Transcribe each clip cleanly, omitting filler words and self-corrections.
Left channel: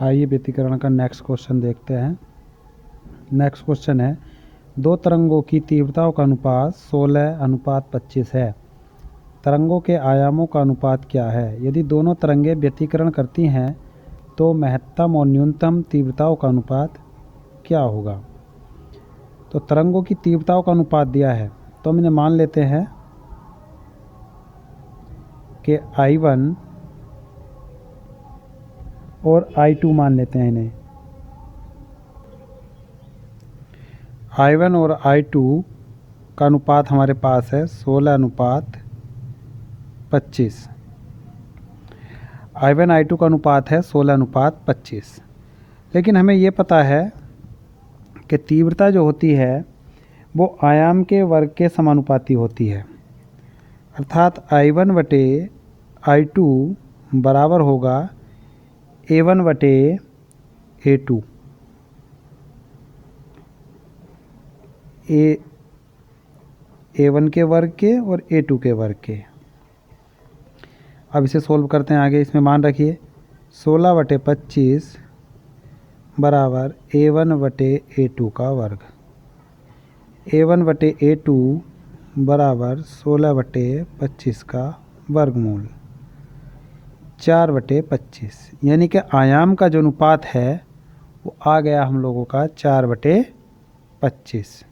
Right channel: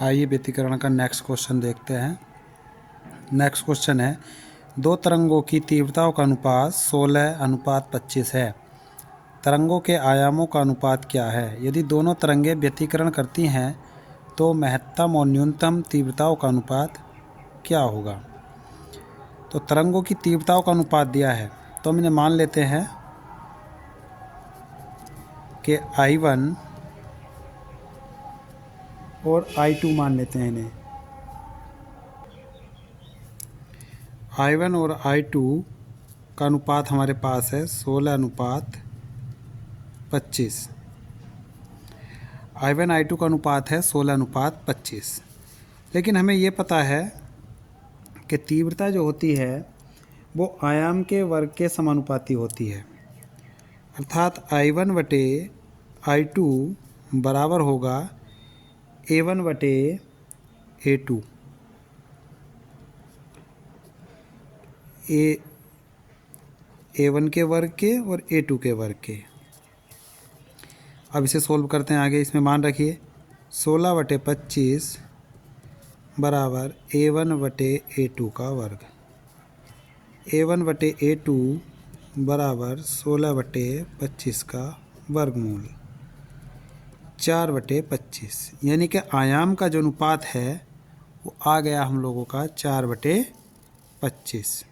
आइए व्यतिकरण का नेक्स्ट क्वेश्चन देखते हैं। नेक्स्ट क्वेश्चन है, दो तरंगों की तीव्रताओं का अनुपात 16:25 है। तरंगों के आयामों का अनुपात क्या है? यदि दोनों तरंगें व्यतिकरण करती हैं तो महत्तम और न्यूनतम तीव्रताओं का अनुपात क्या होगा? तो तरंगों की तीव्रताओं का अनुपात दिया है, तो हम इन्हें मान लेते हैं कि I1 और I2 मान लेते हैं इन्हें। I1 और I2 का अनुपात हमारे पास है 16:25। I1 I2 का अनुपात है 16:25। लेकिन हमें ये पता है कि तीव्रता जो होती है वो आयाम के वर्ग के समानुपाती होती है, अर्थात I1 बटे I2 बराबर होगा A1 बटे A2। A1 के वर्ग के और A2 के वर्ग के। अब इसे सोल्व करते हैं आगे। इसमें मान रखिए 16/25 बराबर A1 बटे A2 का वर्ग। A1 बटे A2 बराबर 16/25 का वर्गमूल 4/25, यानी कि आयाम का जो अनुपात है वो आ गया हम लोगों का 4/25।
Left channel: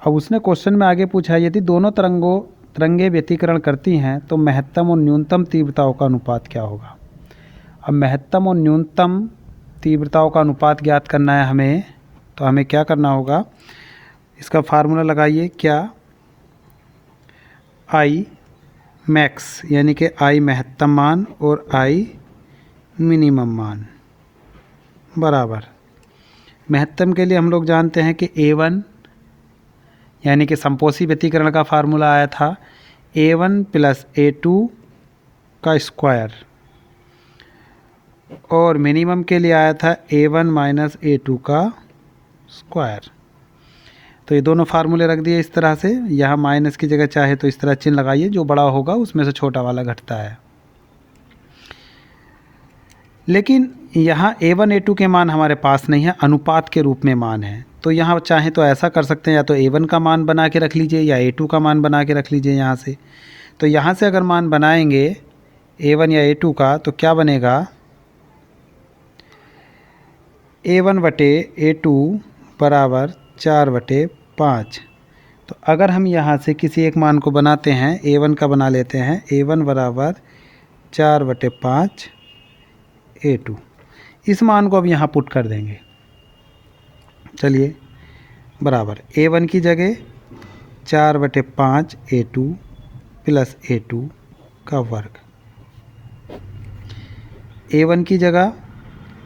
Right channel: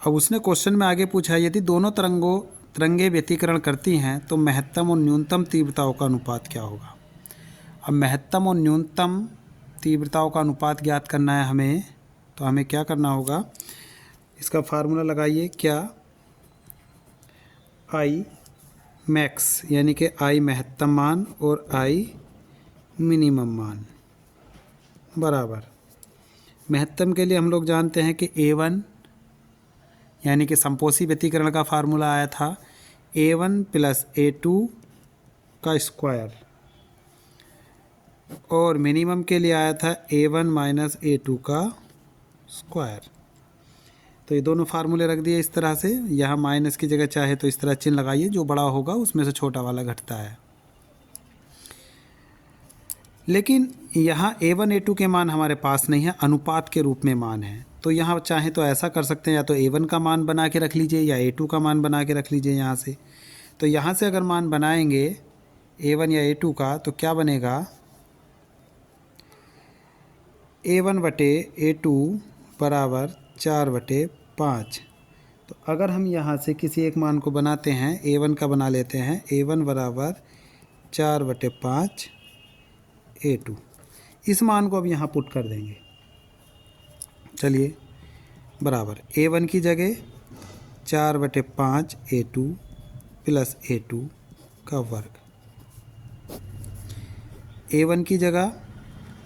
अब उसने क्वेश्चन में आगे पूछा, यदि दोनों तरंगें व्यतिकरण करती हैं तो महत्तम और न्यूनतम तीव्रताओं का अनुपात क्या होगा? अब महत्तम और न्यूनतम तीव्रताओं का अनुपात ज्ञात करना है हमें, तो हमें क्या करना होगा? इसका फार्मूला लगाइए। क्या? I मैक्स यानी कि I महत्तम मान और I मिनिमम मान बराबर, महत्तम के लिए हम लोग जानते हैं कि A1 यानी कि संपोषी व्यतिकरण का फार्मूला आया था A1 प्लस A2 का स्क्वायर, और मिनिमम के लिए आया था A1 माइनस A2 का स्क्वायर। तो ये दोनों फार्मूले रख दिए इस तरह से। यहाँ माइनस की जगह चाहे तो इस तरह चिन्ह लगाइए, जो बड़ा होगा उसमें से छोटा वाला घटता है। लेकिन यहाँ A1 A2 के मान हमारे पास नहीं है, अनुपात के रूप में मान है। तो यहाँ चाहे तो ऐसा कर सकते हैं, या तो A1 का मान बना के रख लीजिए या A2 का मान बना के रख लीजिए यहाँ से। तो यहाँ से अगर मान बनाएंगे A1 या A2 का तो क्या बनेगा? A1 बटे A2 बराबर 4/5। तो अगर हम यहाँ से किसी एक मान को बनाते हैं, A1 का बना लेते हैं, A1 बराबर 4/5 A2। इस मान को अब यहाँ पुट कर देंगे। चलिए, बराबर A1 की जगह 4/5 A2 प्लस A2 का वर्ग, A1 की जगह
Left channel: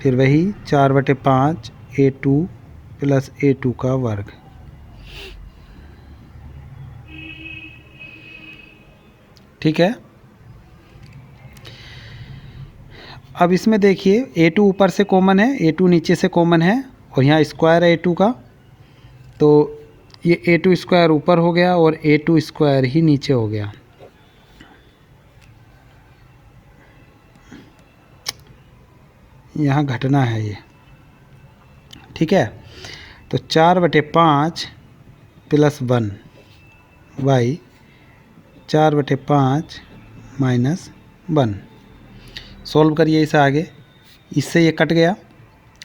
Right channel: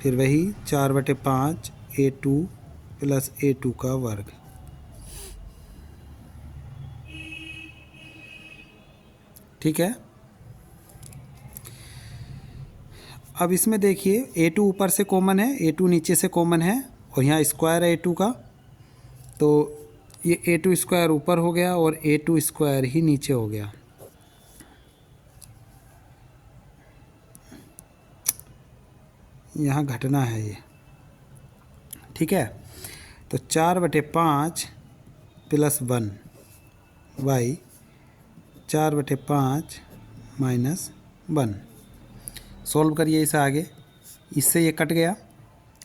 फिर वही 4/5 A2 प्लस A2 का वर्ग। ठीक है। अब इसमें देखिए A2 ऊपर से कॉमन है, A2 नीचे से कॉमन है, और यहाँ स्क्वायर है A2 का, तो ये A2 स्क्वायर ऊपर हो गया और A2 स्क्वायर ही नीचे हो गया। यहाँ घटना है ये। ठीक है। तो 4/5 प्लस 1 बाई 4/5 माइनस 1। सोल्व करिए इसे आगे। इससे ये कट गया,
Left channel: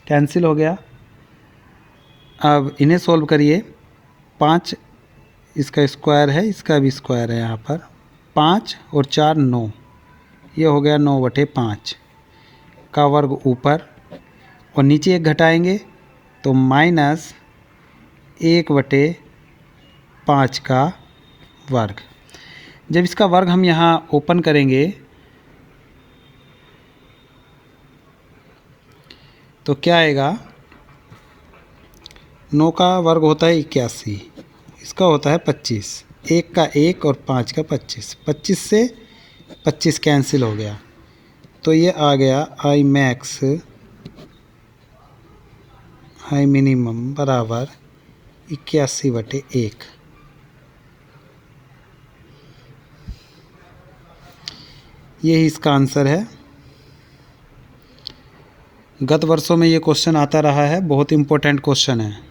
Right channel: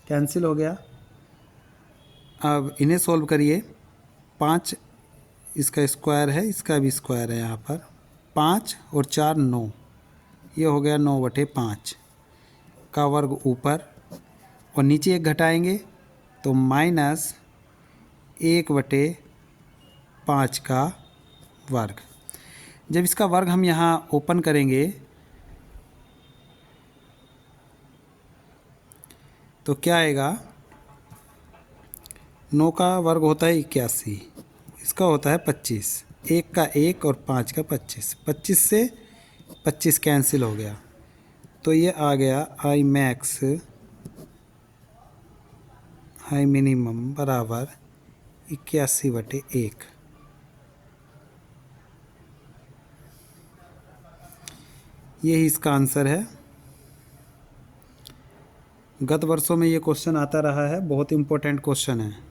कैंसिल हो गया। अब इन्हें सोल्व करिए। 5 इसका स्क्वायर है, इसका भी स्क्वायर है यहाँ पर। 5 और 4 9, ये हो गया 9/5 का वर्ग ऊपर, और नीचे एक घटाएंगे तो माइनस 1/5 का वर्ग। जब इसका वर्ग हम यहाँ ओपन करेंगे तो क्या आएगा? 9 का वर्ग होता है 81, इसका होता है 25, 1 का 1 और 5 का 25, 25 से 25 कैंसिल हो गया, तो ये आ गया I मैक्स I मिनिमम बराबर 81/1। ये इसका आंसर है। गत वर्षों में ये क्वेश्चन आता रहा है, बहुत इम्पोर्टेंट क्वेश्चन है।